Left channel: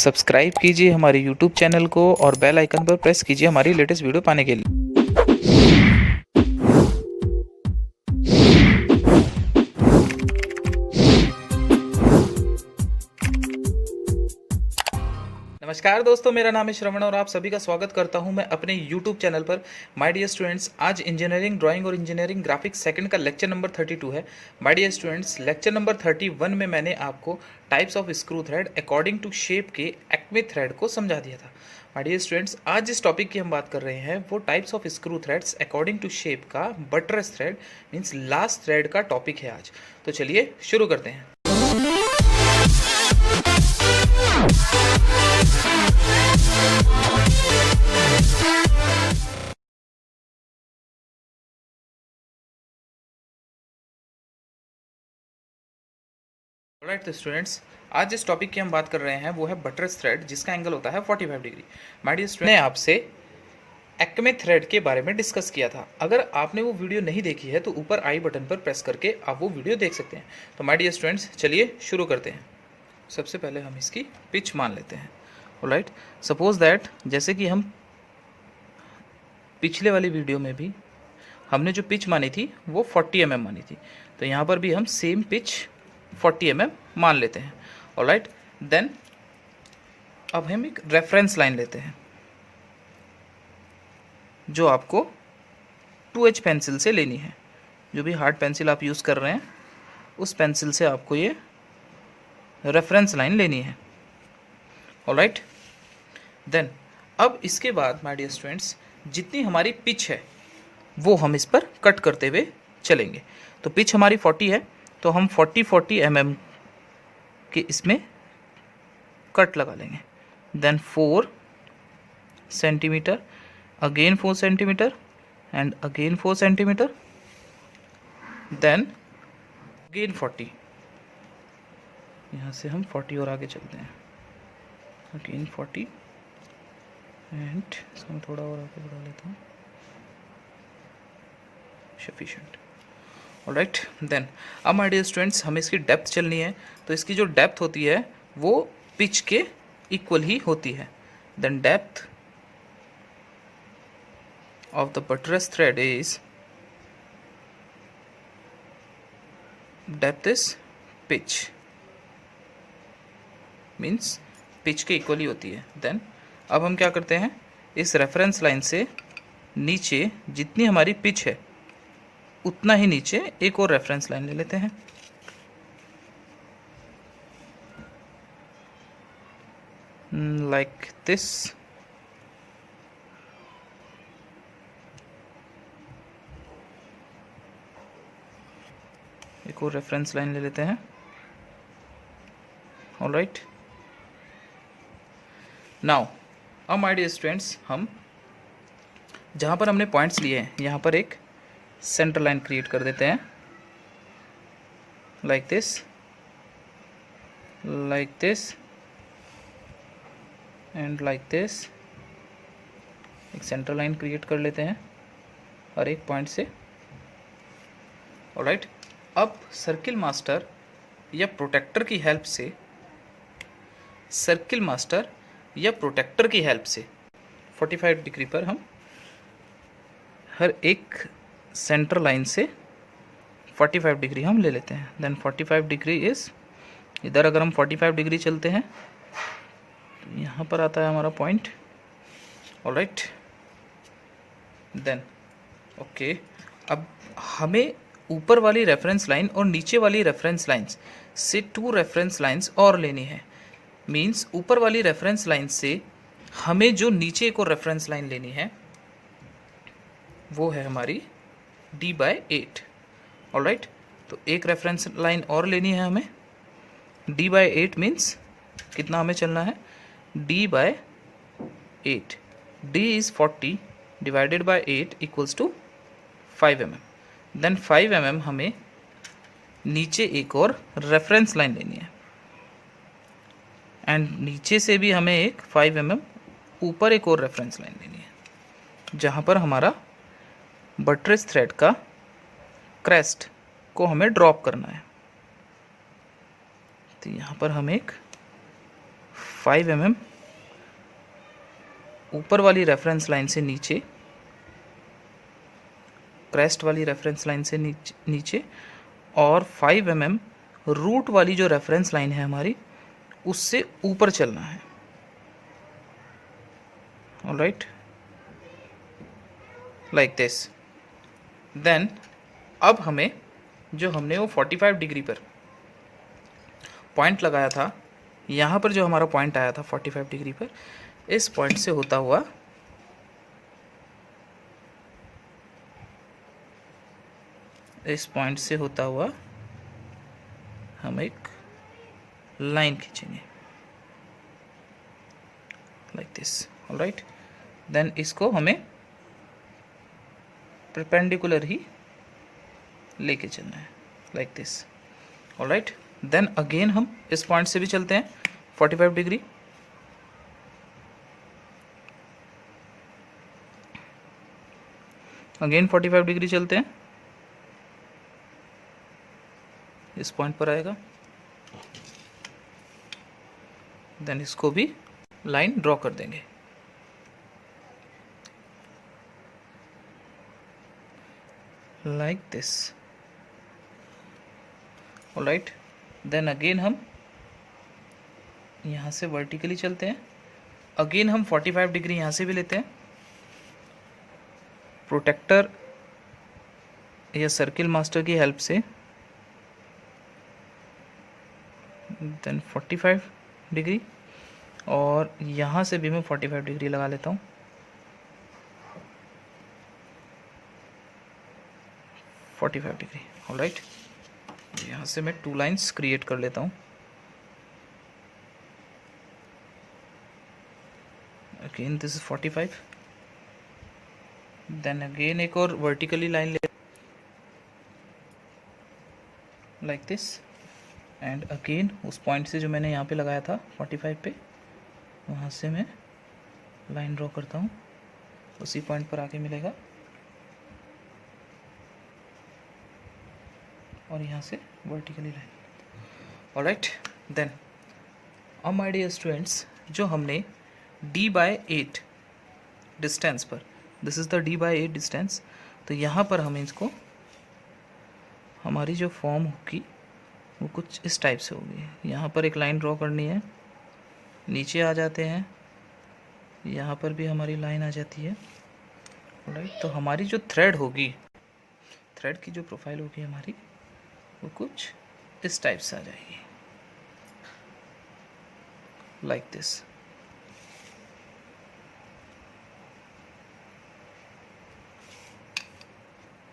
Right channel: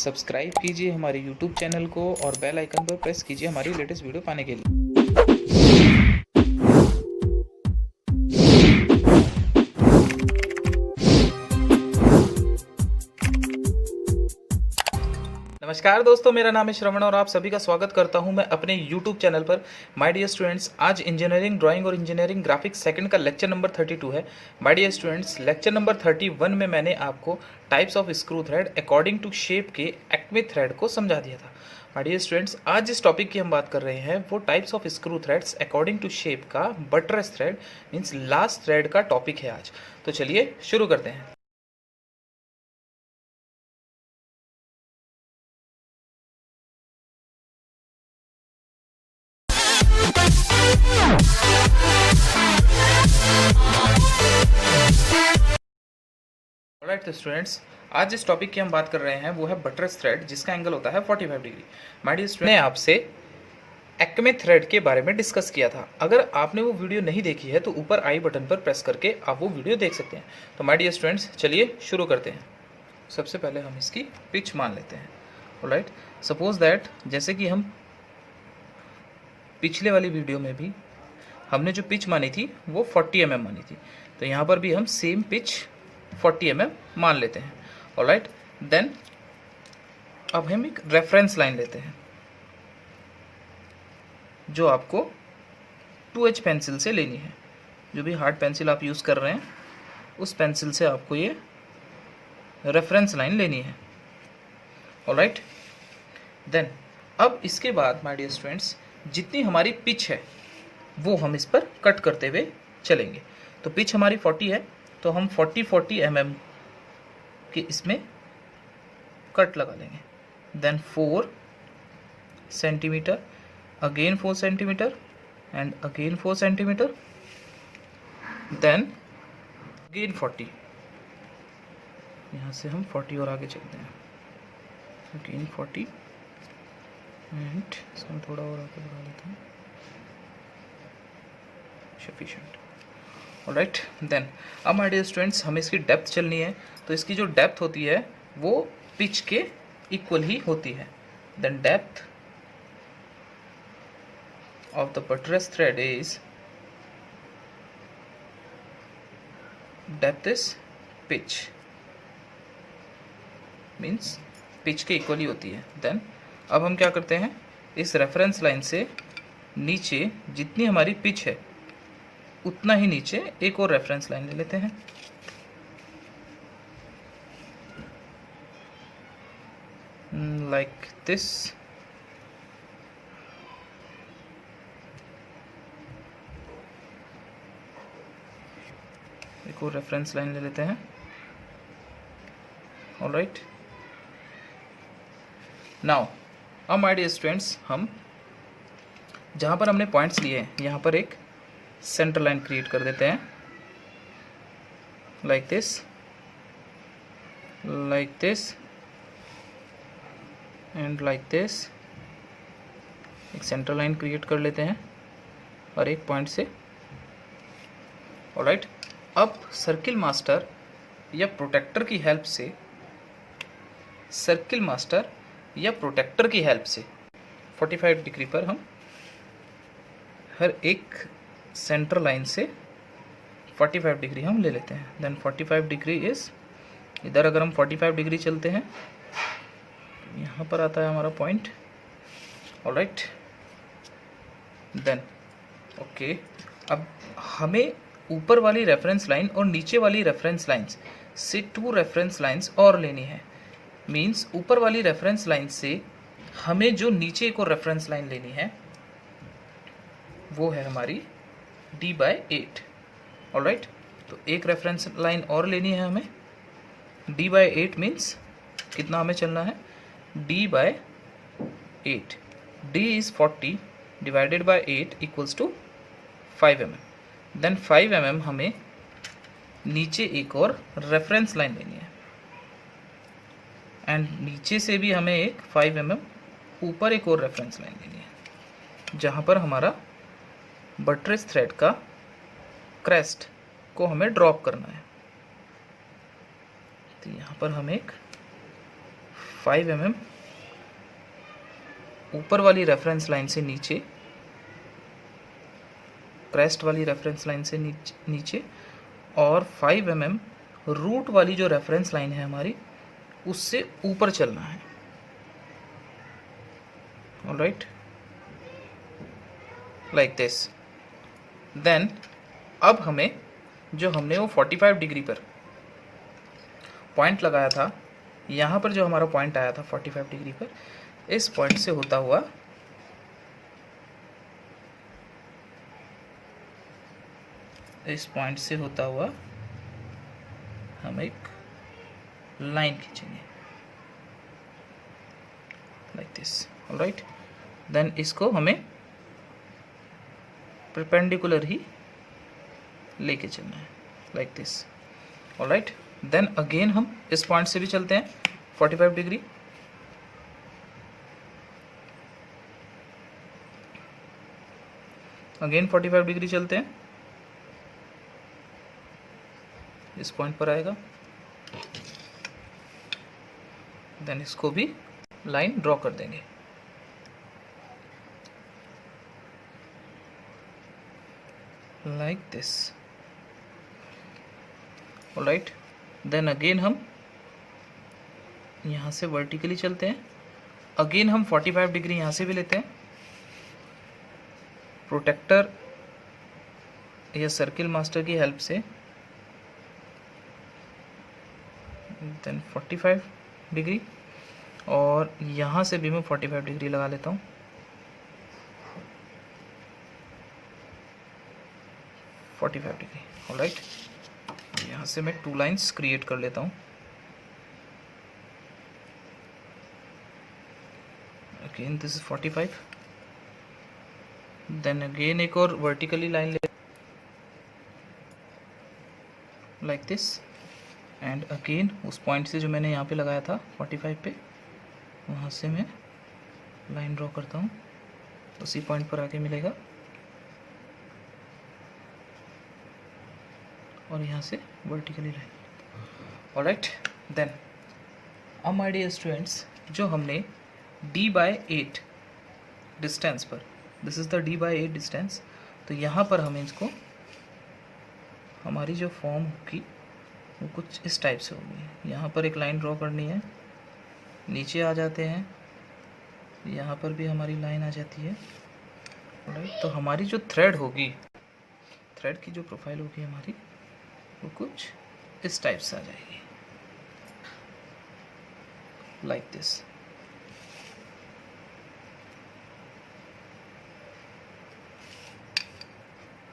Subscribe कीजिए हमारे YouTube channel को और बेल आइकन पर प्रेस कीजिए हमारी लेटेस्ट वीडियो पाने के लिए। नमस्कार दोस्तों, मेरा नाम है श्रवण और आप सभी का स्वागत करता हूं मैं अपने YouTube चैनल पर। माय डियर स्टूडेंट्स, आज इंजीनियरिंग ड्राइंग और इंजीनियरिंग ग्राफिक्स सेकंड का लेक्चर नंबर 32 है। My dear students, lecture number 31 में मैंने आपको types of screw thread according to shape के एक्मे थ्रेड को समझा दिया था। माय डियर स्टूडेंट्स, आज जिस टॉपिक की हम बात कर रहे हैं वो types of screw threads according to shape का buttress thread means last thread का टॉपिक है आज। तो चलिए शुरू करते हैं। ऑलराइट तो स्टूडेंट्स, आज जिस टॉपिक की हम बात कर रहे हैं वो है बटरस थ्रेड जिसका एंगल होता है 45 डिग्री। माय डियर स्टूडेंट, मैंने आपसे एक्मे थ्रेड के बारे में डिस्कस किया था। अगर आपने वो वीडियो नहीं देखी है तो ऊपर आई बटन पर प्रेस करके आप वो वीडियो देख सकते हैं। तो माय डियर स्टूडेंट्स, चलिए शुरू करते हैं। सबसे पहले हम इसकी पिच मान लेते हैं। ऑलराइट, सपोज दैट जैसे कि हम पिछले वाली वीडियो में भी हमने जो पिच मानी थी वो 40 mm मानी थी, तो यहाँ पर भी हम सेम पिच 40 mm मान लेते हैं। ऑलराइट, देन अब हम एक रेफरेंस लाइन लेते हैं जो आपको 2H पेंसिल से लेनी है। जो भी हार्ड पेंसिल आप यूज़ कर रहे हैं उस पेंसिल से आपको ये रेफरेंस लाइन लेनी है। ऑलराइट, देन अब इसके बाद माय डियर स्टूडेंट्स, जितनी हमारी पिच है वो हम इस पर कट करते हुए चलेंगे। तो पिच हमारी 40 है तो हम 40 mm के इसमें कट लगा लेंगे। Then 4 centimetre, again 4 centimetre and again 4 centimetre, then again 40। यहाँ से हम 40 और आगे चलते हैं। अगेन 40 एंड इसमें थोड़ा और आगे बढ़ा लेते हैं। सफिशिएंट। ऑलराइट, देन अब माय डियर स्टूडेंट्स, हमें इसकी डेप्थ चलनी है। तो इसकी जो डेप्थ होती है वो पिच के इक्वल ही होती है। Then depth of the buttress thread is, depth is pitch, means pitch के इक्वल ही होती है। देन अब हम क्या करते हैं, इस रेफरेंस लाइन से नीचे जितनी हमारी पिच है उतना ही नीचे एक और रेफरेंस लाइन ले लेते हैं। Like this. एक और रेफरेंस लाइन ले लेते हैं। ऑलराइट, नाउ अब माय डियर स्टूडेंट्स, हम जहाँ पर हमने पॉइंट्स लिए हैं यहाँ पर एक सेंटर लाइन क्रिएट कर देते हैं। Like this, like this and like this. एक सेंटर लाइन क्रिएट कर लेते हैं और एक पॉइंट से। ऑलराइट, अब सर्किल मास्टर या प्रोटेक्टर की हेल्प से, सर्किल मास्टर या प्रोटेक्टर की हेल्प से 45 डिग्री पर हम हर एक सेंटर लाइन से 45 डिग्री हम ले लेते हैं। देन 45 डिग्री इज, इधर अगर हम 45 डिग्री चलते हैं तो यहाँ पर आता है हमारा पॉइंट। ऑलराइट, देन ओके, अब हमें ऊपर वाली रेफरेंस लाइन और नीचे वाली रेफरेंस लाइंस से 2 रेफरेंस लाइंस और लेनी है। मीन्स ऊपर वाली रेफरेंस लाइन से हमें जो नीचे एक और रेफरेंस लाइन लेनी है वो है हमारी D/8। ऑलराइट, तो एक रेफरेंस लाइन और लेनी है हमें। D/8 मीन्स कितना हमें चलना है, D/8। D is 40 divided by 8 equals to 5 mm। Then 5 mm हमें नीचे एक और रेफरेंस लाइन लेनी है एंड नीचे से भी हमें एक 5 mm ऊपर एक और रेफरेंस लाइन लेनी है जहाँ पर हमारा बटरस थ्रेड का क्रेस्ट को हमें ड्रॉप करना है। तो यहाँ पर हम एक 5 mm ऊपर वाली रेफरेंस लाइन से नीचे, क्रेस्ट वाली रेफरेंस लाइन से नीचे, और 5 mm रूट वाली जो रेफरेंस लाइन है हमारी उससे ऊपर चलना है। Alright, like this. देन अब हमें जो हमने वो 45 डिग्री पर पॉइंट लगाया था, यहाँ पर जो हमारा पॉइंट आया था 45 डिग्री पर, इस पॉइंट से होता हुआ हम एक लाइन खींचेंगे लाइक दिस। ऑलराइट, देन इसको हमें परपेंडिकुलर ही लेके चलना है like this. Alright, then again हम इस पॉइंट से भी चलते हैं 45 डिग्री। अगेन 45 डिग्री चलते हैं, इस पॉइंट पर आएगा। देन इसको भी लाइन ड्रॉ कर देंगे like this. Alright, then again हम यहाँ से वर्टिकली चलते हैं। अगेन हम 45 डिग्री यहाँ से भी लेते हैं। प्रोटेक्टर या सर्किल मास्टर की हेल्प से देन 45 डिग्री, और यहाँ से भी मैं 45 डिग्री लगा लेता हूँ। डिग्री। ऑलराइट, यहाँ से मैं 2 लाइन्स क्रिएट कर लेता हूँ। Again this is 45, then again एक और वर्टिकली लाइन ले लाइक दिस, एंड अगेन उस पॉइंट से जो मैंने यहाँ पे लगाया था 45 पे, वहाँ से मैं लाइन ड्रॉ करता हूँ, उसी पॉइंट पर आके मिलेगा, और यहाँ से वर्टिकली लाइन। ऑलराइट, देन अब माय डियर स्टूडेंट्स, जो हमने d/8 डिस्टेंस पर, this is the d/8 distance, तो यहाँ पर हमें इसको, हमारी जो फॉर्म होगी वो कुछ इस टाइप से होगी। यहाँ पर एक लाइन ड्रॉ करनी है, नीचे आ जाते हैं, यहाँ पर भी हमारी लाइन आ जाती है। राइट, तो हमारी जो थ्रेड होगी, थ्रेड की जो प्रोफाइल होगी हमारी, वो कुछ इस टाइप से आ जाएगी लाइक दिस।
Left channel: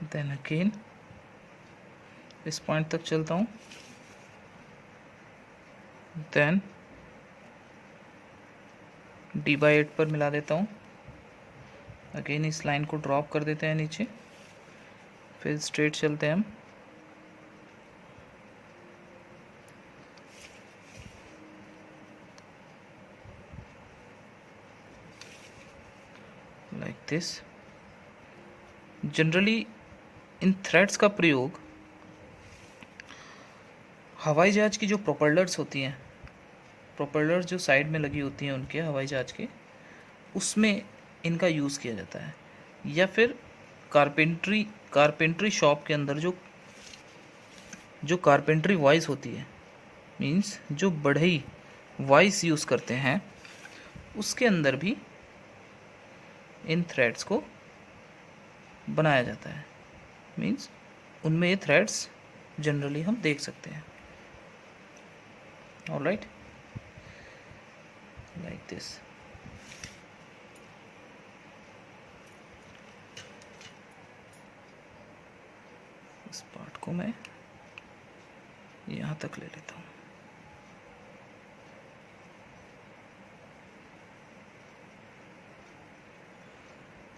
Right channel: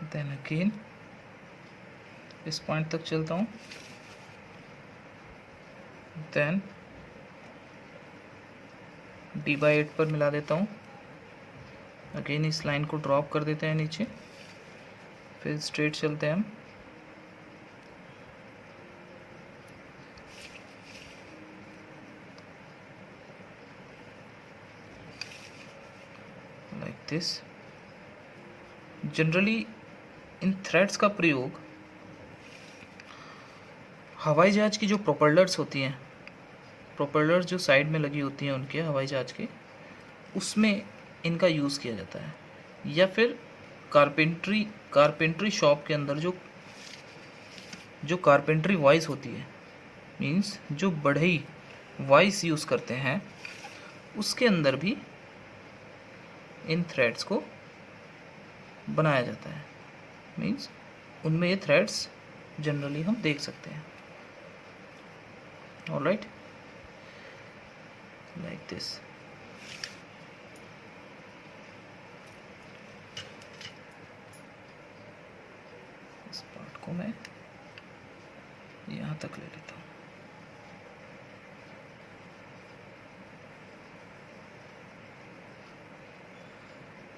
देन अगेन इस पॉइंट तक चलता हूँ, देन d/8 पर मिला देता हूँ। अगेन इस लाइन को ड्रॉप कर देते हैं नीचे, फिर स्ट्रेट चलते हैं हम। Like this. Generally in threads का प्रयोग हवाई जहाज की जो प्रोपेलर्स होती हैं, प्रोपेलर्स जो साइड में लगी होती हैं उनके हवाई जहाज के, उसमें इनका यूज़ किया जाता है, या फिर कारपेंट्री शॉप के अंदर जो कारपेंट्री वाइस होती है, मींस जो बढ़ई वाइस यूज़ करते हैं, उसके अंदर भी इन थ्रेड्स को बनाया जाता है। मींस उनमें ये थ्रेड्स जनरली हम देख सकते हैं। Alright, like this. इस पार्ट को मैं यहाँ तक ले लेता हूँ।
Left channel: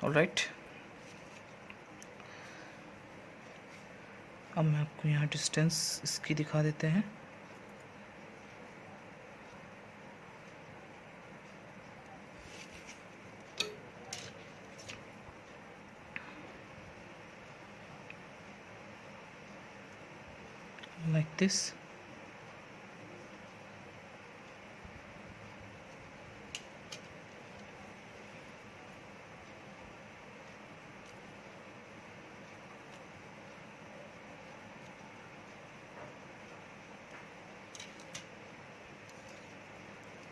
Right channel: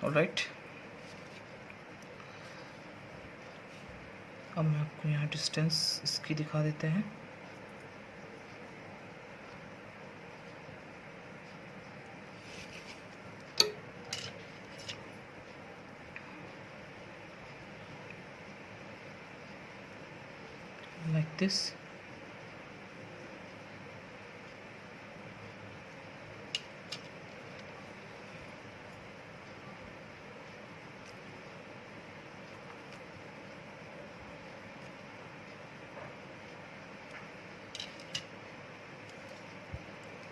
ऑलराइट, अब मैं आपको यहाँ डिस्टेंस इसकी दिखा देते हैं। like this।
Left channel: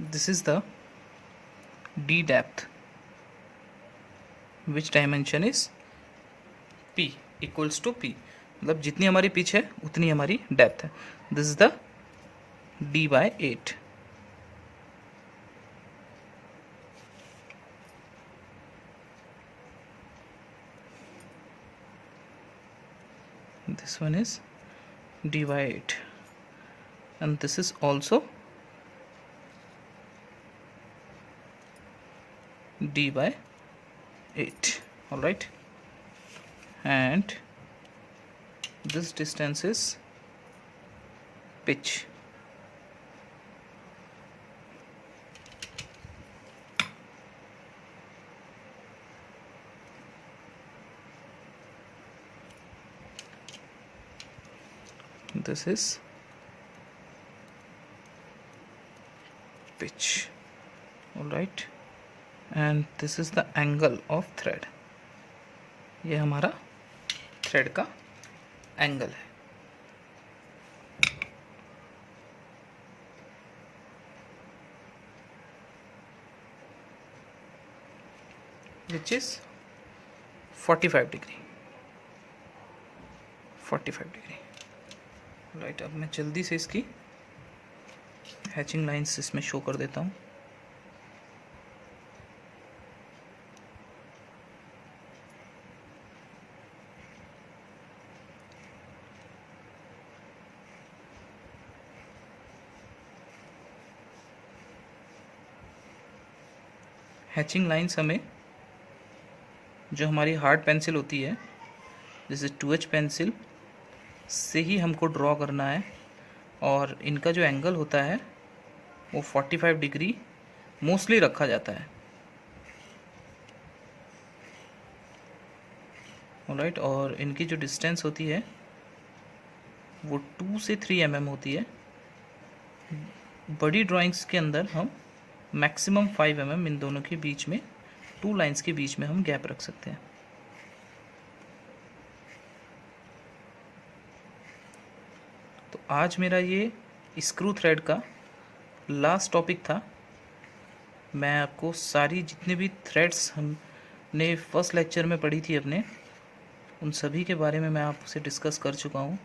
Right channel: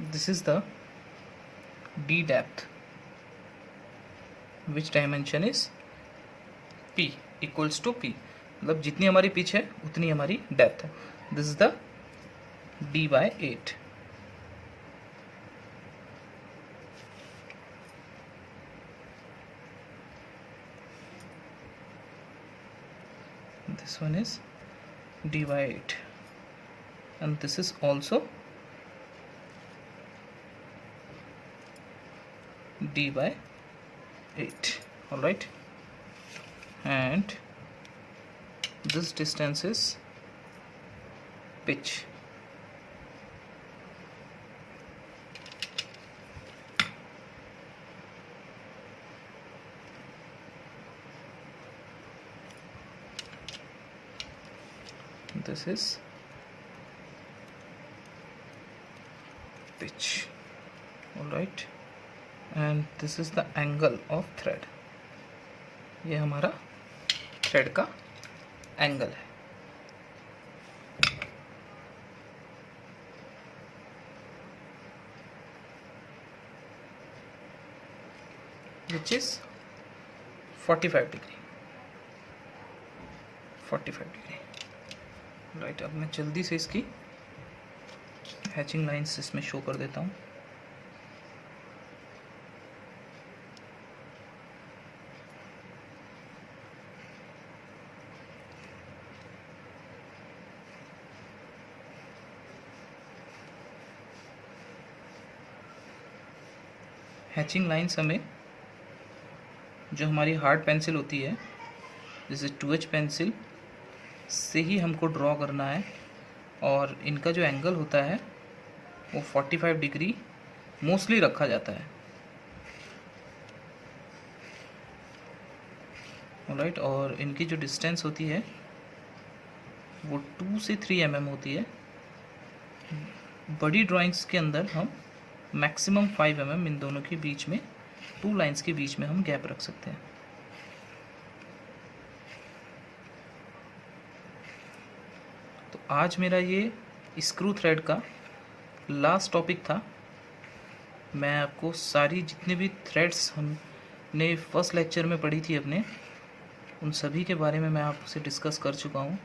This is the D depth which dimension is p equals to p, मतलब जितनी हमारी पिच है उतनी हमारी डेप्थ है. This is the d/8. This one is d/8 and this is also d/8. All right, and this distance is pitch. This is pitch. All right, and this is the angle of thread. ये हमारा thread का angle है. which is 45 degree. 45 degree. Right, अब मैं जल्दी से इसकी hatching lines इसमें शो कर देता हूँ. हैचिंग लाइंस हमें जो हमारी हार्ड पेंसिल होती है जैसे 2H पेंसिल से ही हमको ड्रॉ करना है, और इनका जो एंगल होता है वो 45 डिग्री मोस्टली रखा जाता है. ऑलराइट, और इनकी जो डिस्टेंस होती है वो 2 से 3 mm होती है. बड़ी ड्राइंग्स के अंदर हम मैक्सिमम 5 mm इन दोनों के बीच में, 2 लाइंस के बीच में हम गैप रख सकते हैं. तो आज मेरा ये स्क्रू थ्रेड का लास्ट टॉपिक था. मैं आपको सारी जितने भी थ्रेड्स हमने फर्स्ट लेक्चर में पढ़ी थी अपने, उन सभी के बारे में मैं आपसे डिस्कस कर चुका हूँ.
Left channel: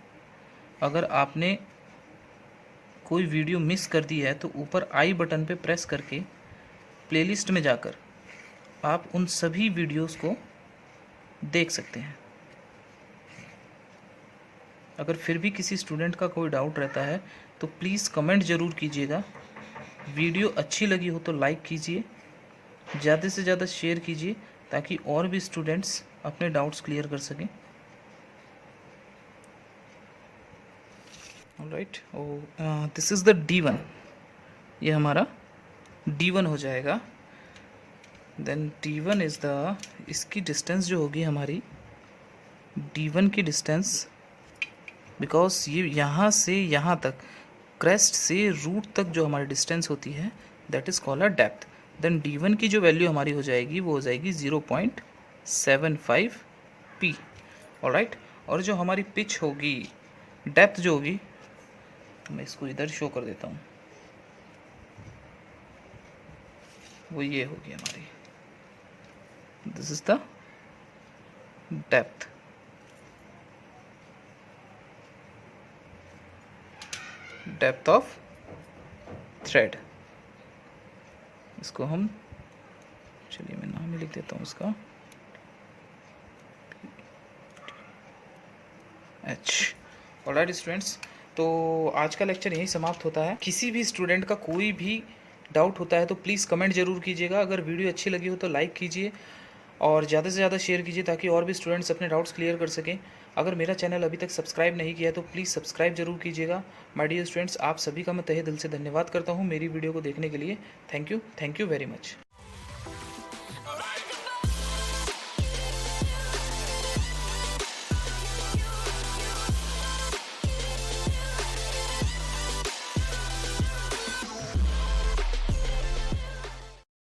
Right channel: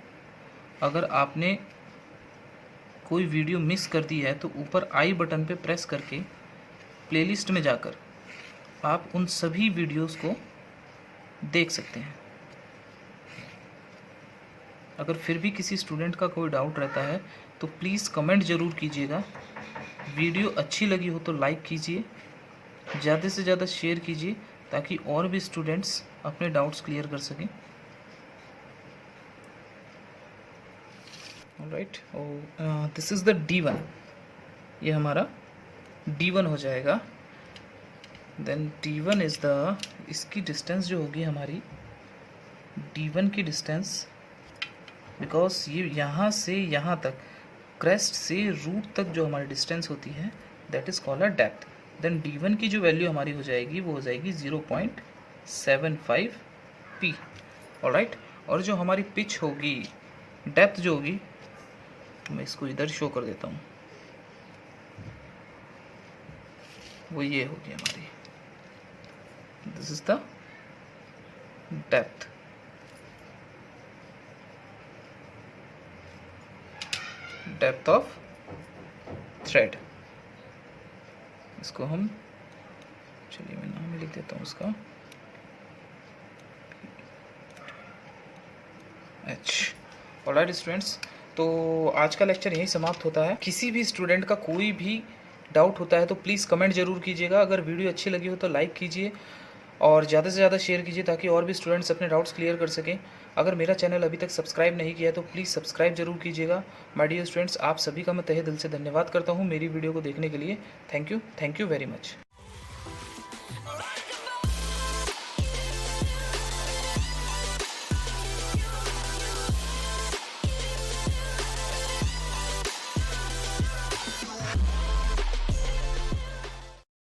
अगर आपने कोई वीडियो मिस कर दी है तो ऊपर आई बटन पे प्रेस करके प्लेलिस्ट में जाकर आप उन सभी वीडियोस को देख सकते हैं. अगर फिर भी किसी स्टूडेंट का कोई डाउट रहता है तो प्लीज़ कमेंट ज़रूर कीजिएगा. वीडियो अच्छी लगी हो तो लाइक कीजिए, ज़्यादा से ज़्यादा शेयर कीजिए ताकि और भी स्टूडेंट्स अपने डाउट्स क्लियर कर सकें. Alright, this is the D1. ये हमारा D1 हो जाएगा. देन D1 इज़ द, इसकी डिस्टेंस जो होगी हमारी D1 की डिस्टेंस, बिकॉज ये यहाँ से यहाँ तक क्रेस्ट से रूट तक जो हमारी डिस्टेंस होती है that is called a depth. Then D1 की जो वैल्यू हमारी हो जाएगी वो हो जाएगी 0.75 p. ऑलराइट, और जो हमारी पिच होगी, डेप्थ जो होगी, मैं इसको इधर शो कर देता हूँ, वो ये होगी हमारी. This is the depth. Depth of thread. इसको हम, चलिए मैं नाम ही लिख देता हूँ इसका, H. ऑलराइट स्टूडेंट्स, तो आज का लेक्चर यहीं समाप्त होता है. किसी भी स्टूडेंट का कोई भी डाउट होता है तो प्लीज़ कमेंट ज़रूर कीजिएगा. अगर वीडियो अच्छी लगी हो तो लाइक कीजिए और ज़्यादा से ज़्यादा शेयर कीजिए ताकि और भी स्टूडेंट्स अपने डाउट्स क्लियर कर सकें. अगर मेरा चैनल अभी तक सब्सक्राइब नहीं किया है तो प्लीज़ सब्सक्राइब जरूर कीजिएगा. माय डियर स्टूडेंट्स, आप सभी का मैं तहे दिल से धन्यवाद करता हूँ मेरी वीडियो को देखने के लिए. Thank you very much.